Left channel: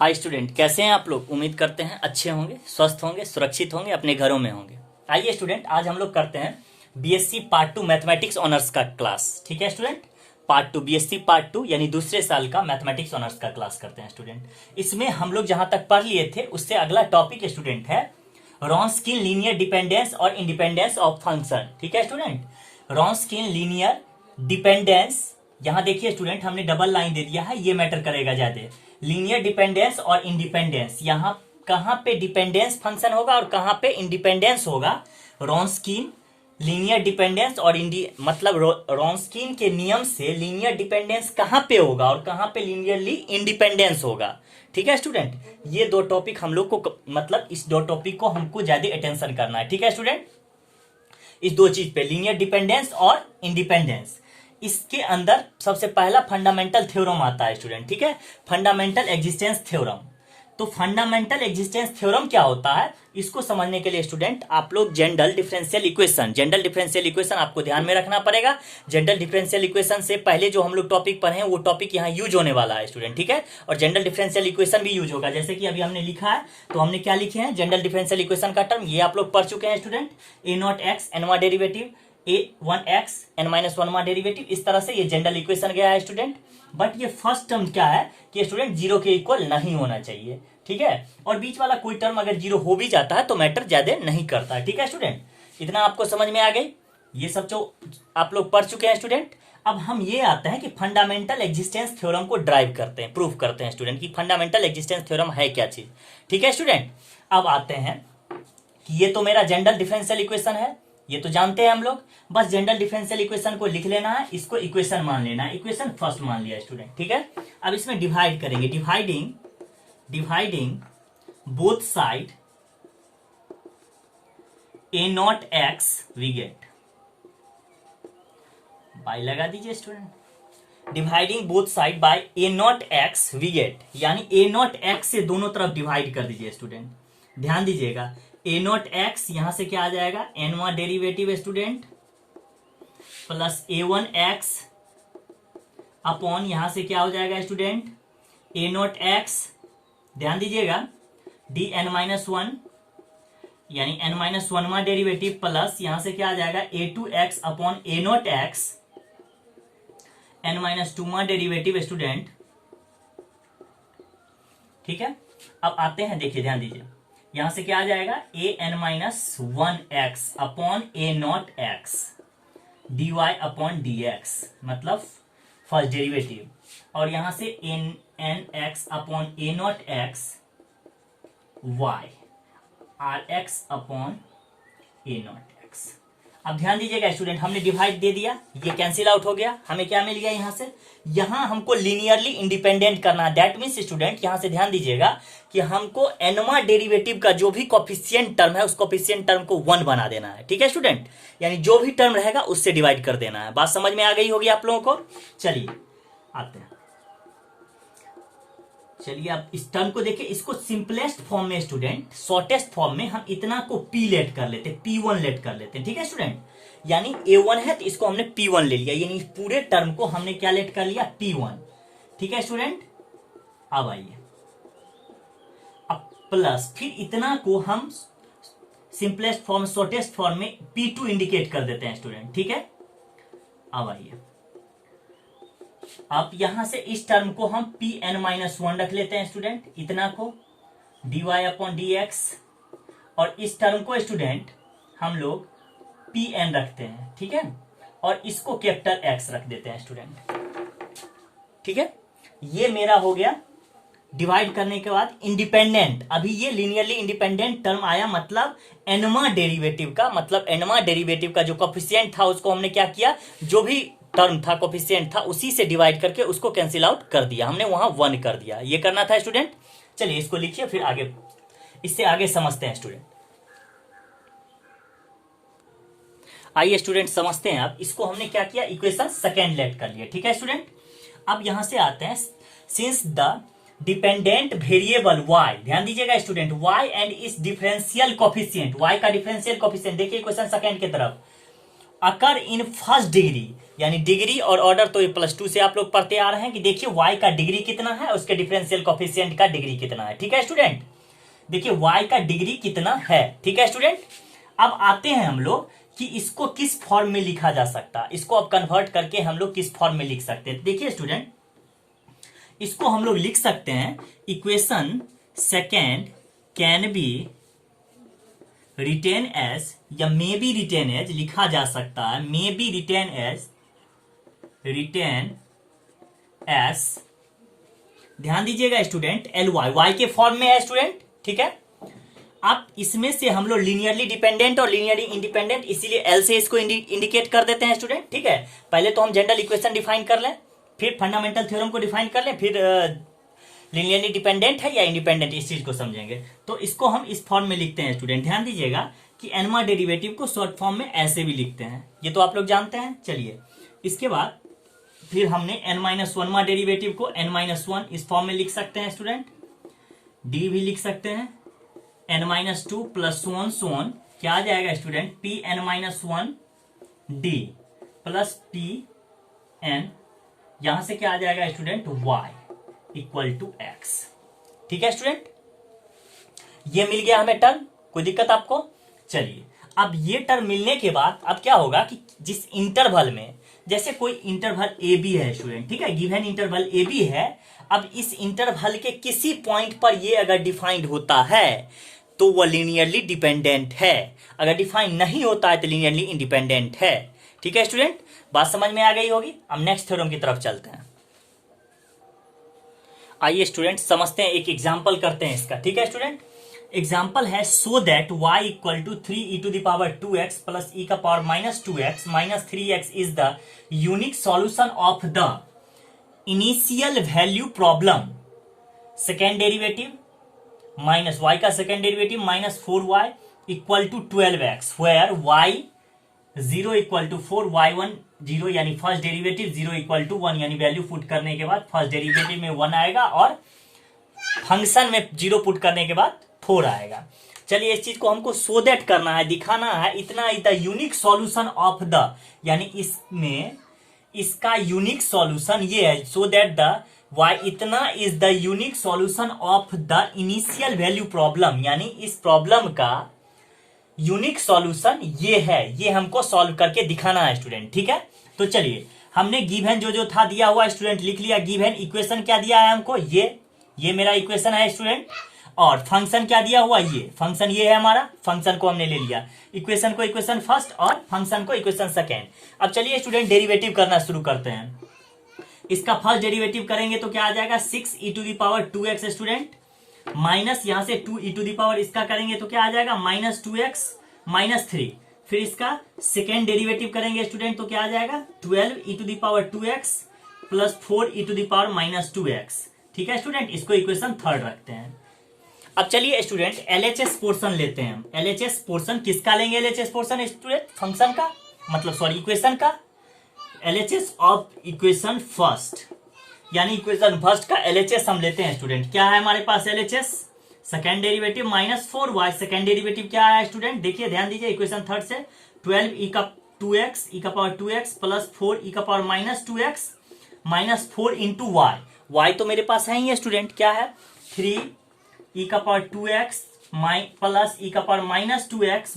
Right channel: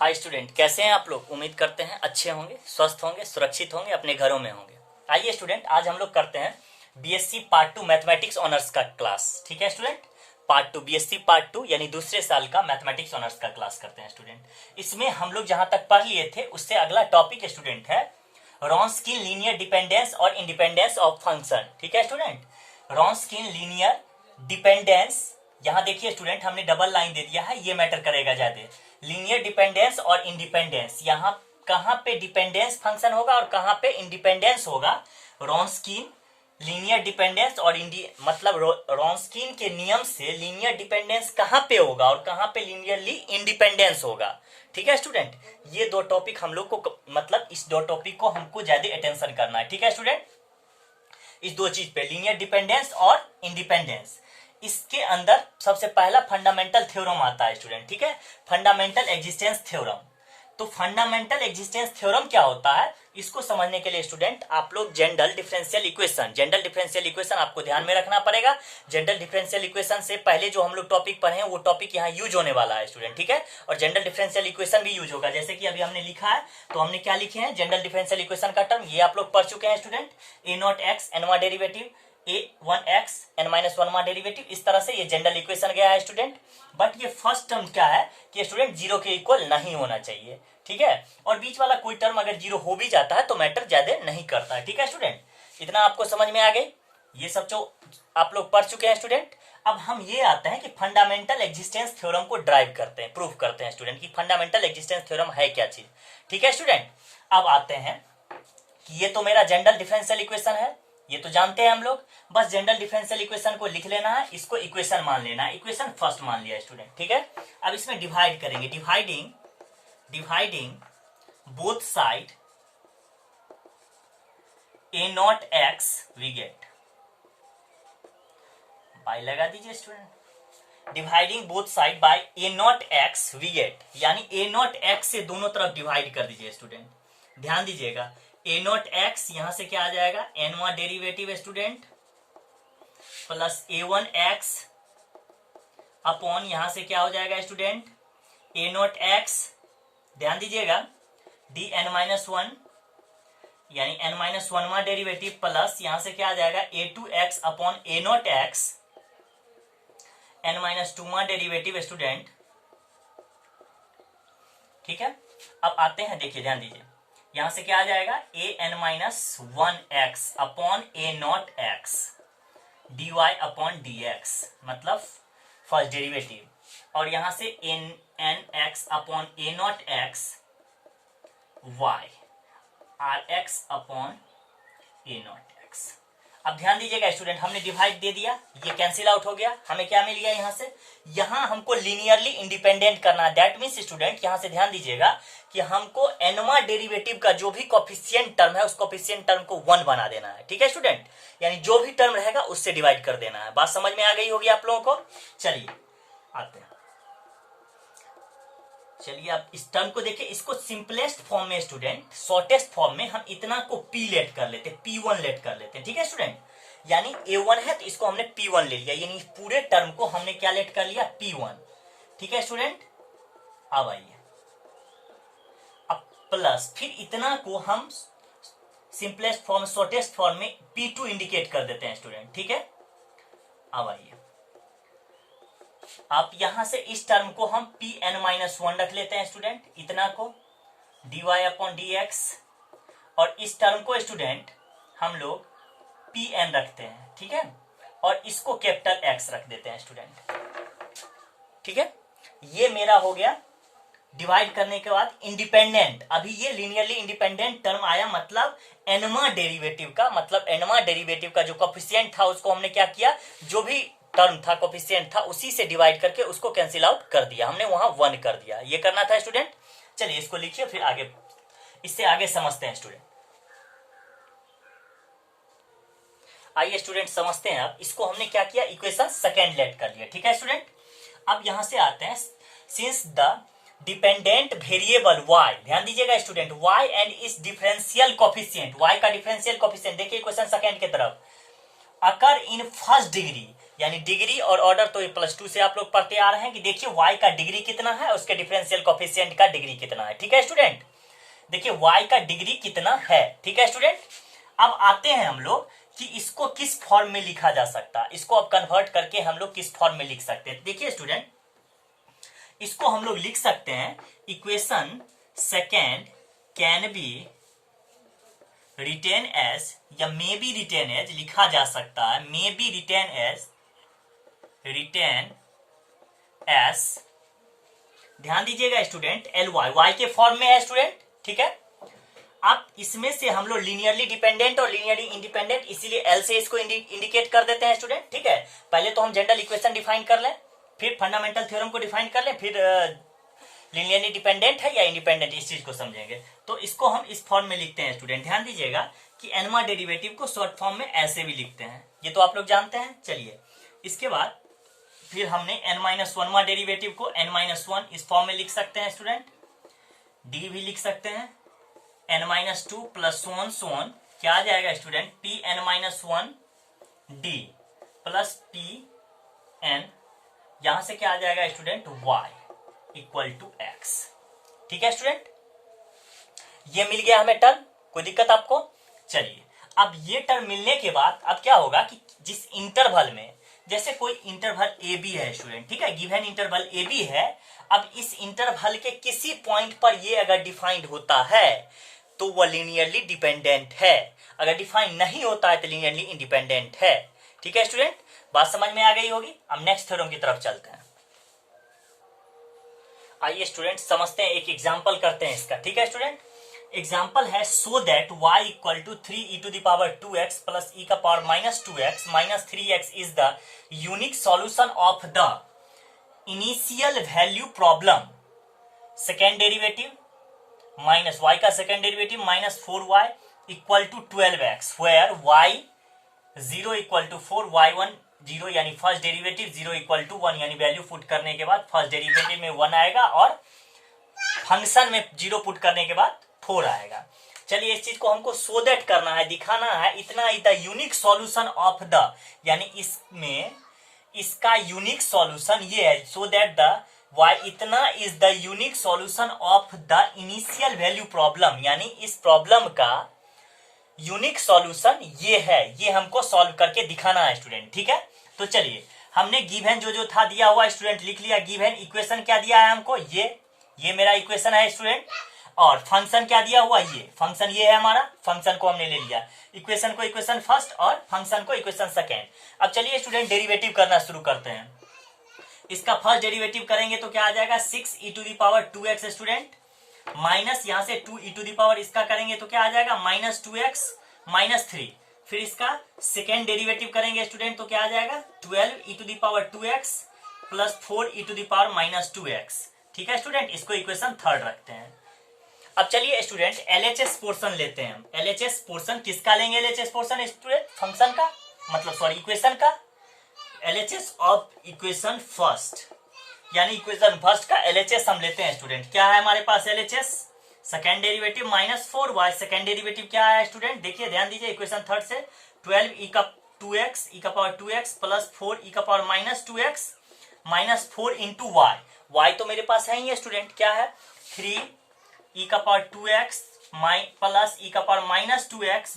Hi student, कैसे हैं आप लोग। उम्मीद करते हैं अच्छे होंगे, स्वस्थ होंगे, सुरक्षित होंगे, अपने घरों में होंगे। आइए स्टूडेंट, आज हम लोग करते हैं बीएससी पार्ट 2 मैथमेटिक्स ऑनर्स का क्लास। ठीक है स्टूडेंट, पार्ट 2 बीएससी पार्ट 2 यानी दूसरे साल का मैथमेटिक्स ऑनर्स का क्लास करते हैं स्टूडेंट। इसमें हम लोग जहां तक पढ़ लिए थे उससे अगला टॉपिक स्टूडेंट है रॉन्सकिन लीनियर डिपेंडेंस और इंडिपेंडेंस ऑफ फंक्शन। ठीक है स्टूडेंट, रॉन्सकिन लीनियर डिपेंडेंस, यहां देखिए स्टूडेंट हमने डबल लाइन दे दिया है, ये मैटर करेगा ज्यादा। लीनियर डिपेंडेंस और इंडिपेंडेंस, यहां कहां पे डिपेंडेंस फंक्शन होगा और कहां पे इंडिपेंडेंस होगा। रॉन्सकिन लीनियर डिपेंडेंस और मतलब रॉन्सकिन के नियम से लीनियर डिपेंडेंस कहां पे होगा और कहां पे लीनियरली इंडिपेंडेंस होगा। ठीक है स्टूडेंट, ये दो टॉपिक हम लोग को, मतलब इस दो टॉपिक को हमको ज्यादा अटेंशन करना है। ठीक है स्टूडेंट, इस दो चीज पे, लीनियर डिपेंडेंस और इंडिपेंडेंस। इसके अंदर सबसे पहला फंडामेंटल थ्योरम आता है स्टूडेंट। ठीक है, फंडामेंटल एग्जिस्टेंस थ्योरम। तो फंडामेंटल एग्जिस्टेंस थ्योरम क्या होता है, इसको समझने के लिए स्टूडेंट आप लोग जनरल डिफरेंशियल इक्वेशन आपको ध्यान में रखना पड़ेगा। जनरल डिफरेंशियल इक्वेशन से पहले जो हम लोग टॉपिक पढ़े हैं वो टॉपिक यहाँ यूज होने वाला है स्टूडेंट। ठीक है, और जनरल डिफरेंशियल इक्वेशन भी यूज होगा, जैसे कि अभी हमने लिखा है। तो हमने क्या लिखे हैं, जनरल डिफरेंशियल इक्वेशन का टर्म ये आप लोग पढ़ चुके हैं स्टूडेंट। ए नॉट एक्स एनवा डेरिवेटिव, a1x n-1 डेरिवेटिव, इस तरह से ये जनरल इक्वेशन गया है स्टूडेंट। बट ये फर्स्ट टर्म क्या है कि स्टूडेंट जीरो के इक्वल नहीं होना चाहिए। ठीक है, और बीच वाला कोई टर्म अगर जीरो हो भी जाता है तो मैटर ज्यादा नहीं करता। ठीक है स्टूडेंट, इतना आपको समझ में आ गई। ये सब जो आप लोग पढ़ चुके हैं स्टूडेंट। अब हम ये आते हैं कि फंडामेंटल एग्जिस्टेंस थ्योरम को ड्राइव करते हैं, प्रूव करते हैं स्टूडेंट कि फंडामेंटल एग्जिस्टेंस थ्योरम है क्या चीज। ठीक है स्टूडेंट, अब आते हैं कि ये तो मेरा जनरल डिफरेंशियल इक्वेशन है, ये तो जानते हैं हम लोग। बस जनरल डिफरेंशियल इक्वेशन को लिख लेना है, इसको इक्वेशन मान लेना है। इक्वेशन फर्स्ट मान लिया स्टूडेंट। ठीक है, अब इसमें डिवाइड करेंगे, dividing both side a naught x we get, by लगा दीजिए student. Dividing both side by a naught x we get, यानी ए नॉट एक्स से दोनों तरफ डिवाइड कर दीजिए स्टूडेंट। ध्यान दीजिएगा, ए नॉट एक्स यहां से क्या आ जाएगा, एनवा derivative student plus a1 x upon यहां से क्या हो जाएगा स्टूडेंट, ए नॉट एक्स, ध्यान दीजिएगा, डी एन माइनस वन यानी n minus one derivative plus यहां से क्या आ जाएगा a2 x upon a naught x n minus two derivative student. ठीक है, अब आते हैं, देखिए ध्यान दीजिए, यहां से क्या आ जाएगा a n minus one x upon a naught x dy upon dx, मतलब फर्स्ट डेरिवेटिव, और यहां से n x upon a naught x y r x upon a naught x. अब ध्यान दीजिएगा स्टूडेंट, हमने डिवाइड दे दिया, ये कैंसिल आउट हो गया, हमें क्या मिल गया यहां से, यहां हमको लीनियरली इंडिपेंडेंट करना है। दैट मीन्स स्टूडेंट यहां से ध्यान दीजिएगा कि हमको एनवा डेरिवेटिव का जो भी कोफिशिएंट टर्म है उस कोफिशिएंट टर्म को 1 बना देना है। ठीक है स्टूडेंट, यानी जो भी टर्म रहेगा उससे डिवाइड कर देना है। बात समझ में आ गई होगी आप लोगों को। चलिए आते हैं, चलिए आप इस टर्म को देखिए, इसको सिंपलेस्ट फॉर्म में स्टूडेंट, शॉर्टेस्ट फॉर्म में हम इतना को p लेट कर लेते, p1 लेट कर लेते। ठीक है स्टूडेंट, यानी a1 है तो इसको हमने p1 ले लिया, यानी पूरे टर्म को हमने क्या लेट कर लिया, p1। ठीक है स्टूडेंट, अब आइए, अब प्लस फिर इतना को हम सिंपलेस्ट फॉर्म, शॉर्टेस्ट फॉर्म में p2 इंडिकेट कर देते हैं स्टूडेंट। ठीक है, अब आइए, अब यहां से इस टर्म को हम pn माइनस वन रख लेते हैं स्टूडेंट, इतना को dy अपॉन dx, और इस टर्म को स्टूडेंट हम लोग pn रखते हैं। ठीक है, और इसको कैपिटल x रख देते हैं स्टूडेंट। ठीक है, ये मेरा हो गया डिवाइड करने के बाद इंडिपेंडेंट। अभी ये लीनियरली इंडिपेंडेंट टर्म आया, मतलब एनवा डेरिवेटिव का, मतलब एनवा डेरिवेटिव का जो कोफिशिएंट था उसको हमने क्या किया, जो भी टर्म था कोफिशिएंट था उसी से डिवाइड करके उसको कैंसिल आउट कर दिया, हमने वहां 1 कर दिया। ये करना था स्टूडेंट। चलिए इसको लिखिए, फिर आगे, इससे आगे समझते हैं स्टूडेंट। आइए स्टूडेंट समझते हैं। अब इसको हमने क्या किया, इक्वेशन सेकेंड लेट कर लिया। ठीक है स्टूडेंट, अब यहां से आते हैं, since the dependent variable y, ध्यान दीजिएगा स्टूडेंट, y एंड इस डिफरेंशियल कोफिशिएंट, y का डिफरेंशियल कोफिशिएंट, देखिए क्वेश्चन सेकंड की तरफ, अकर इन फर्स्ट डिग्री, यानी डिग्री और ऑर्डर तो ये +2 से आप लोग पढ़ते आ रहे हैं कि देखिए y का डिग्री कितना है, उसके डिफरेंशियल कोफिशिएंट का डिग्री कितना है। ठीक है स्टूडेंट, देखिए y का डिग्री कितना है। ठीक है स्टूडेंट, अब आते हैं हम लोग कि इसको किस फॉर्म में लिखा जा सकता है, इसको अब कन्वर्ट करके हम लोग किस फॉर्म में लिख सकते हैं। देखिए स्टूडेंट, इसको हम लोग लिख सकते हैं equation second can be written as, या मे बी रिटेन एज लिखा जा सकता है, मे बी रिटेन एज, ध्यान दीजिएगा स्टूडेंट, एल वाई के फॉर्म में है स्टूडेंट। ठीक है, अब इसमें से हम लोग लीनियरली डिपेंडेंट और लीनियरली इंडिपेंडेंट, इसीलिए एल से इसको इंडिकेट कर देते हैं स्टूडेंट। ठीक है, पहले तो हम जनरल इक्वेशन डिफाइन कर लें, फिर फंडामेंटल थ्योरम को डिफाइन कर लें, फिर लीनियरली डिपेंडेंट है या इंडिपेंडेंट इस चीज को समझेंगे। तो इसको हम इस फॉर्म में लिखते हैं स्टूडेंट। ध्यान दीजिएगा कि एनमा डेरिवेटिव को शॉर्ट फॉर्म में ऐसे भी लिखते हैं, ये तो आप लोग जानते हैं। चलिए, इसके बाद फिर हमने n-1 डेरिवेटिव को n-1 इस फॉर्म में लिख सकते हैं स्टूडेंट, डी भी लिख सकते हैं, n-2 प्लस सोन क्या आ जाएगा student, tn-1 D plus tn, यहां से क्या आ जाएगा student, y equal to x। ठीक है स्टूडेंट, ये मिल गया हमें टर्म, कोई दिक्कत आपको। चलिए, अब ये टर्म मिलने के बाद अब क्या होगा कि जिस इंटरवल में, जैसे कोई इंटरवल ए बी है स्टूडेंट, ठीक है, गिवन इंटरवल ए बी है, अब इस इंटरवल के किसी पॉइंट पर ये अगर डिफाइंड होता है तो वह लीनियरली डिपेंडेंट है, अगर डिफाइन नहीं होता है तो लीनियरली इंडिपेंडेंट है। ठीक है स्टूडेंट, बात समझ में आ गई होगी। अब नेक्स्ट थ्योरम की तरफ चलते हैं। आइए स्टूडेंट समझते हैं, एक एग्जाम्पल करते हैं इसका। ठीक है स्टूडेंट, एग्जाम्पल है so that y equal to 3e⁻²x plus e⁻²x minus 3x is the unique solution of the initial value problem, second derivative minus y का second derivative minus 4y equal to 12x, where y 0 equal to 4, y1 0 यानी first derivative 0 equal to 1, यानी value put करने के बाद first derivative में 1 आएगा और function में 0 पुट करने के बाद 4 आएगा। चलिए, इस चीज को हमको सो दैट करना है, दिखाना है, इतना the unique solution of the, यानी इसमें इसका यूनिक सॉल्यूशन ये है, सो दैट द y इतना is the unique solution of the initial value problem, यानी इस प्रॉब्लम का यूनिक सॉल्यूशन ये है, ये हमको सॉल्व करके दिखाना है स्टूडेंट। ठीक है, तो चलिए, हमने गिवन जो था दिया हुआ स्टूडेंट लिख लिया, गिवन इक्वेशन क्या दिया है हमको, ये मेरा इक्वेशन है स्टूडेंट, और फंक्शन क्या दिया हुआ, ये फंक्शन ये है हमारा, फंक्शन को हमने ले लिया, इक्वेशन को इक्वेशन फर्स्ट और फंक्शन को इक्वेशन सेकेंड। अब चलिए स्टूडेंट डेरिवेटिव करना शुरू करते हैं। इसका फर्स्ट डेरिवेटिव करेंगे तो क्या आ जाएगा, 6e⁻²x स्टूडेंट, माइनस यहां से 2e⁻, इसका करेंगे तो क्या आ जाएगा, -2x माइनस 3, फिर इसका सेकेंड डेरिवेटिव करेंगे स्टूडेंट तो क्या आ जाएगा, 12e⁻² प्लस 4e⁻²x। ठीक है स्टूडेंट, इसको इक्वेशन थर्ड रखते हैं। अब चलिए स्टूडेंट एलएचएस पोर्शन लेते हैं हम। एलएचएस पोर्शन किसका लेंगे, एलएचएस पोर्शन स्टूडेंट फंक्शन का, मतलब सॉरी इक्वेशन का, एलएचएस ऑफ इक्वेशन फर्स्ट, यानी इक्वेशन फर्स्ट का एलएचएस हम लेते हैं स्टूडेंट। क्या है हमारे पास LHS, second derivative minus 4y, second derivative क्या है स्टूडेंट, देखिए ध्यान दीजिए इक्वेशन थर्ड से, 12e⁻² plus 4e⁻²x minus 4 into y तो मेरे पास है ही है स्टूडेंट, क्या है 3e⁻² plus e⁻² minus 3x।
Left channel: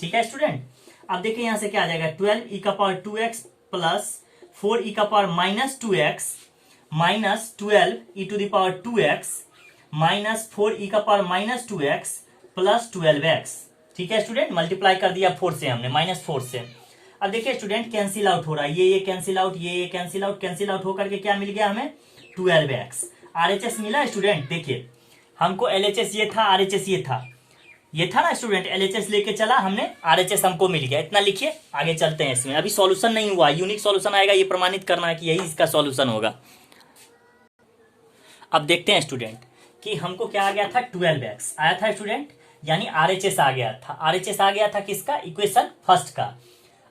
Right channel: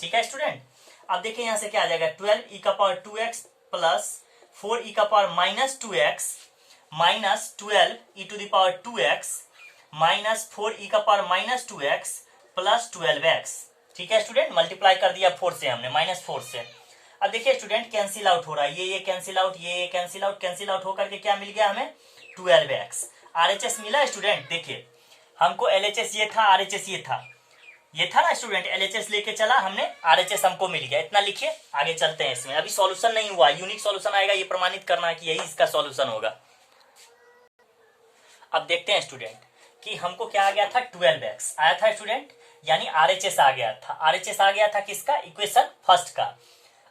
ठीक है स्टूडेंट, अब देखिए यहां से क्या आ जाएगा, 12e⁻² plus 4e⁻² minus 12e⁻² minus 4e⁻² plus 12x। ठीक है स्टूडेंट, मल्टीप्लाई कर दिया 4 से हमने, -4 से। अब देखिए स्टूडेंट कैंसिल आउट हो रहा है, ये कैंसिल आउट, ये कैंसिल आउट होकर के क्या मिल गया हमें, 12x। आरएचएस मिला स्टूडेंट, देखिए हमको एलएचएस ये था, आरएचएस ये था ना स्टूडेंट, एलएचएस लेके चला हमने, आरएचएस हमको मिल गया, इतना लिखिए। आगे चलते हैं, इसमें अभी सॉल्यूशन नहीं हुआ, यूनिक सॉल्यूशन आएगा, ये प्रमाणित करना है कि यही इसका सॉल्यूशन होगा। अब देखते हैं स्टूडेंट कि हमको क्या आ गया था, 12x आया था स्टूडेंट, यानी आरएचएस आ गया था। आरएचएस आ गया था किसका, इक्वेशन फर्स्ट का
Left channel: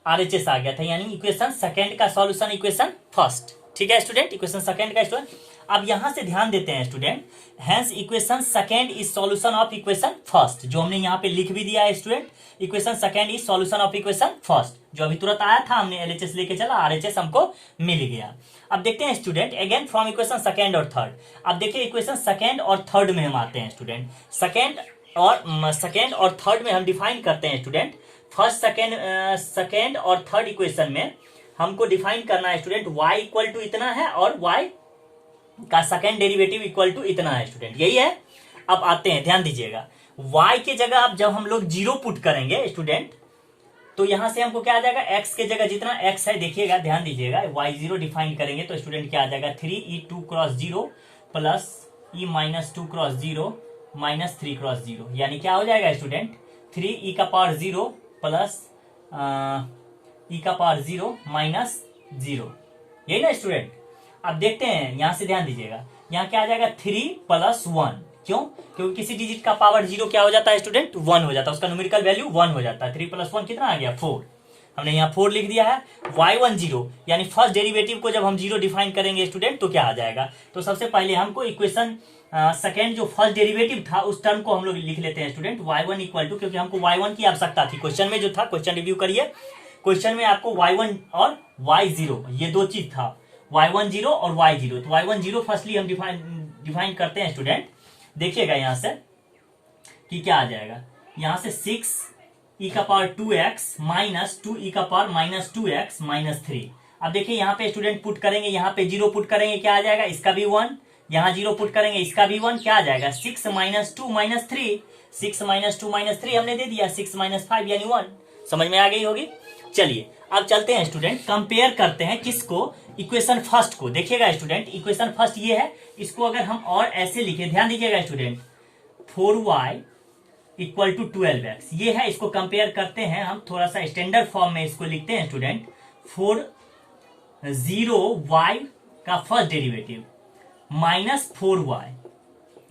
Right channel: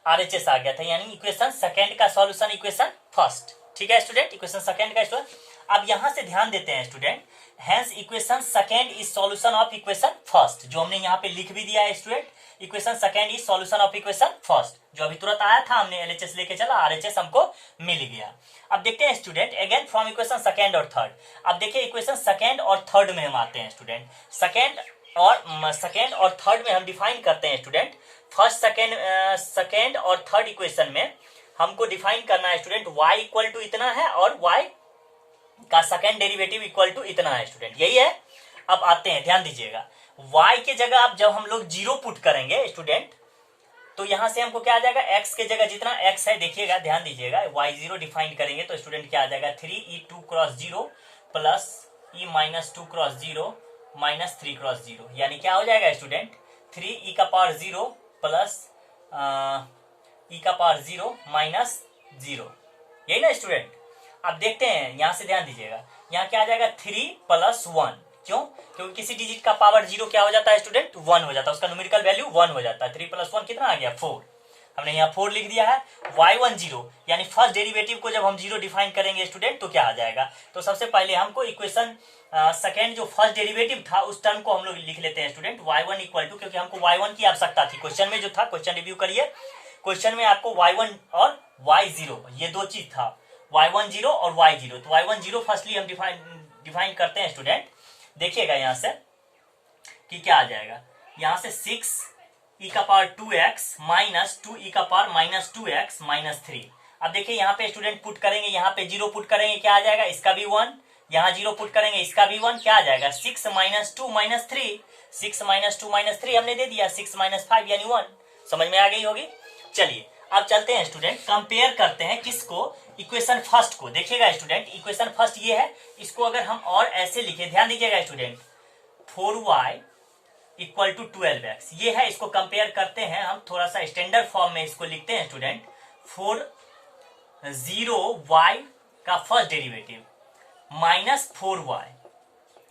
आरएचएस आ गया था, यानी इक्वेशन सेकेंड का सॉल्यूशन इक्वेशन फर्स्ट। ठीक है स्टूडेंट, इक्वेशन सेकेंड का स्टूडेंट। अब यहां से ध्यान देते हैं student, hence equation second is solution of equation first, जो हमने यहाँ पे लिख भी दिया है student, equation second is solution of equation first, जो अभी तुरंत आया था, हमने एलएचएस लेके चला, आरएचएस हमको मिल गया। अब देखते हैं student again from equation second और थर्ड। अब देखिए इक्वेशन सेकेंड और थर्ड में हम आते हैं स्टूडेंट, सेकेंड और थर्ड में हम डिफाइन करते हैं स्टूडेंट। फर्स्ट सेकेंड और थर्ड इक्वेशन में हमको डिफाइन करना है स्टूडेंट, y इक्वल टू इतना है और y का सेकेंड डेरिवेटिव इक्वल टू इतना है स्टूडेंट, यही है। अब आते हैं, ध्यान दीजिएगा, y के जगह अब जब हम लोग जीरो पुट करेंगे स्टूडेंट, तो यहां से हमको क्या आ जाएगा, x के जगह जितना x है, देखिएगा ध्यान दीजिएगा, y0 डिफाइन करेंगे तो स्टूडेंट क्या आ जाएगा, 3e2 cross 0 plus e minus 2 cross 0 minus 3 cross 0, यानी क्या हो जाएगा स्टूडेंट, 3e का पावर 0 प्लस e का पावर 0 माइनस 0, यही ना स्टूडेंट। अब देखते हैं, यहां से ध्यान दीजिएगा, यहाँ क्या आ जाएगा 3 प्लस 1, क्यों, क्योंकि किसी डिजिट का पावर 0 क्या हो जाता है स्टूडेंट, 1 हो जाता है, उसका न्यूमेरिकल वैल्यू 1 हो जाता है। 3 प्लस 1 कितना आ गया, 4, हमने यहाँ 4 लिख दिया है। y10 यानी फर्स्ट डेरिवेटिव को जब हम 0 डिफाइन करेंगे स्टूडेंट तो क्या आ जाएगा, तो सबसे पहले हमको इक्वेशन सेकेंड जो फर्स्ट डेरिवेटिव था उस टर्म को हम लोग लिख लेते हैं स्टूडेंट, y1 इक्वल टू, क्योंकि हमको y1 की आवश्यकता थी, क्वेश्चन में जो था, क्वेश्चन रिव्यू करिए, क्वेश्चन में आपको y1 और y0 ये दो चीज था, y10 और y0, तो y10 फर्स्टली हम डिफाइन करते हैं स्टूडेंट। देखिएगा यहां से कि क्या आ जाएगा, यहां से 6 e का पावर 2x माइनस 2 e का पावर माइनस 2x माइनस 3। अब देखिए यहाँ पे स्टूडेंट पुट करेंगे, यहाँ पे 0 पुट करेंगे, क्या आ जाएगा, इसका भी 1, यहाँ 0 पुट करेंगे, इसका भी 1, क्या आ जाएगा, 6 माइनस 2 माइनस 3, 6 माइनस 2 माइनस 3 हमने दे दिया, 6 माइनस 5 यानी 1, समझ में आ गई होगी। चलिए अब चलते हैं स्टूडेंट, कंपेयर करते हैं किसको, इक्वेशन फर्स्ट को। देखिएगा स्टूडेंट, इक्वेशन फर्स्ट ये है, इसको अगर हम और ऐसे लिखे, ध्यान दीजिएगा student, 4y equal to 12x ये है, इसको कंपेयर करते हैं हम, थोड़ा सा स्टैंडर्ड फॉर्म में इसको लिखते हैं स्टूडेंट, 40y का first derivative minus 4y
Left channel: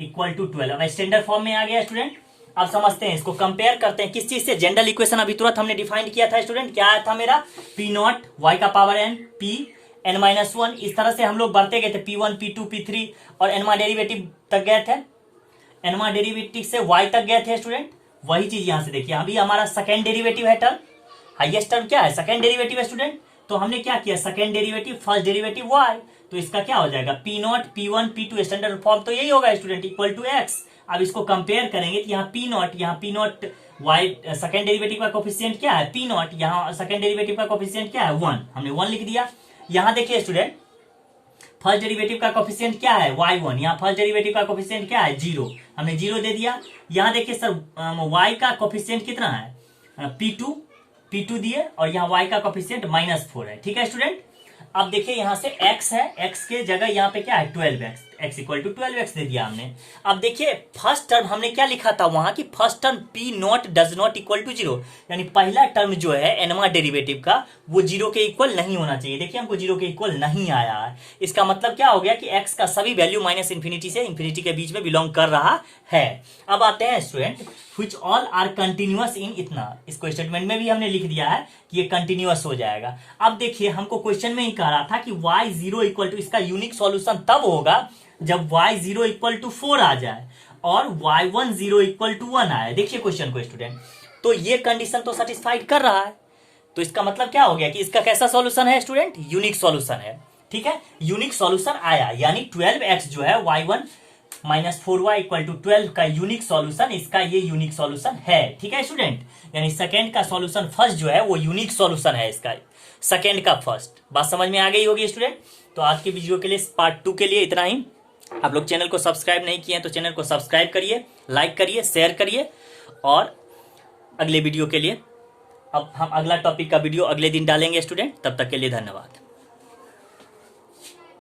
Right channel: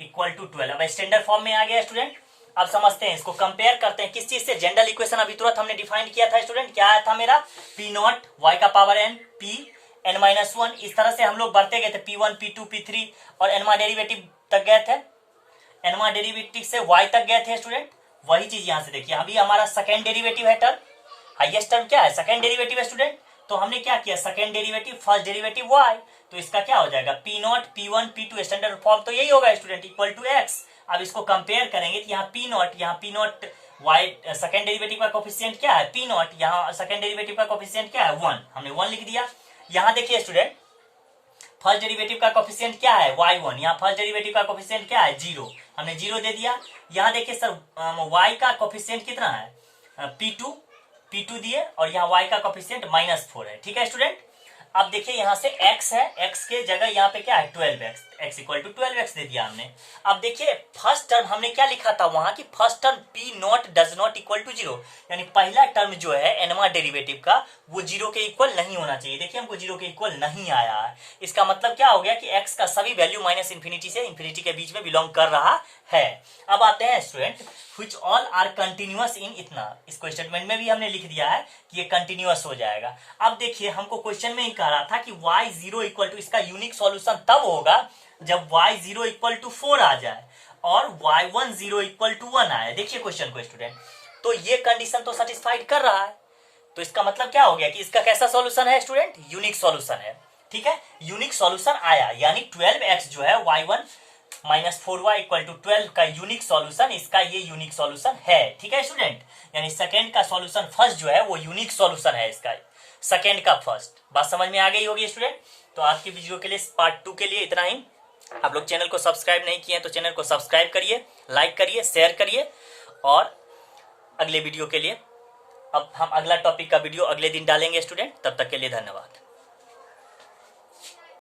equal to 12, अब स्टैंडर्ड फॉर्म में आ गया स्टूडेंट। अब समझते हैं, इसको कंपेयर करते हैं किस चीज से, जनरल इक्वेशन अभी तुरंत हमने डिफाइन किया था स्टूडेंट, क्या आया था मेरा, p0 y का power n p n minus 1, इस तरह से हम लोग बढ़ते गए थे, p1 p2 p3 और nवा डेरिवेटिव तक गए थे, nवा डेरिवेटिव से y तक गए थे स्टूडेंट। वही चीज यहां से देखिए, अभी हमारा सेकेंड डेरिवेटिव है टर्म, हाईएस्ट टर्म क्या है, सेकेंड डेरिवेटिव है स्टूडेंट, तो हमने क्या किया, second derivative first derivative y, तो इसका क्या हो जाएगा, p0 p1 p2 standard form तो यही होगा स्टूडेंट, इक्वल टू x। अब इसको कंपेयर करेंगे तो यहाँ p0 y सेकेंड डेरिवेटिव का कोफिशिएंट क्या है, p0, यहाँ सेकेंड डेरिवेटिव का कोफिशिएंट क्या है, 1, हमने 1 लिख दिया। यहाँ देखिए स्टूडेंट, फर्स्ट डेरिवेटिव का कोफिशिएंट क्या है, y1, यहाँ फर्स्ट डेरिवेटिव का कोफिशिएंट क्या है, 0, हमने 0 दे दिया। यहाँ देखिए सर, y का कोफिशिएंट कितना है, p2 दिए, और यहाँ y का कोफिशिएंट -4 है, ठीक है स्टूडेंट। अब देखिए यहाँ से x है, x के जगह यहाँ पे क्या है, 12x, x equal to 12x दे दिया हमने। अब देखिए फर्स्ट टर्म हमने क्या लिखा था वहां की, first term p0 does not equal to 0, यानी पहला टर्म जो है एनवा डेरिवेटिव का वो 0 के इक्वल नहीं होना चाहिए। देखिए हमको 0 के इक्वल नहीं आया है, इसका मतलब क्या हो गया कि x का सभी वैल्यू माइनस इन्फिनिटी से इन्फिनिटी के बीच में बिलोंग कर रहा है। अब आते हैं student, which all are continuous in इतना, इसको स्टेटमेंट में भी हमने लिख दिया है कि ये कंटिन्यूअस हो जाएगा। अब देखिए हमको क्वेश्चन में ही कह रहा था कि y0 इक्वल टू, इसका यूनिक सॉल्यूशन तब होगा जब y0 इक्वल टू 4 आ जाए और y10 इक्वल टू 1 आए। देखिए क्वेश्चन को स्टूडेंट, तो ये कंडीशन तो सेटिस्फाइड कर रहा है, तो इसका मतलब क्या हो गया कि इसका कैसा सॉल्यूशन है स्टूडेंट, यूनिक सॉल्यूशन है, ठीक है, यूनिक सॉल्यूशन आया, यानी 12x जो है y1 minus 4y equal to 12 का यूनिक सॉल्यूशन, इसका ये यूनिक सॉल्यूशन है, ठीक है स्टूडेंट। यानी सेकेंड का सॉल्यूशन फर्स्ट जो है वो यूनिक सॉल्यूशन है इसका, सेकेंड का फर्स्ट। बात समझ में आ गई होगी स्टूडेंट। तो आज की वीडियो के लिए, पार्ट 2 के लिए इतना ही। आप लोग चैनल को सब्सक्राइब नहीं किए हैं तो चैनल को सब्सक्राइब करिए, लाइक करिए, शेयर करिए, और अगले वीडियो के लिए अब हम अगला टॉपिक का वीडियो अगले दिन डालेंगे स्टूडेंट। तब तक के लिए धन्यवाद।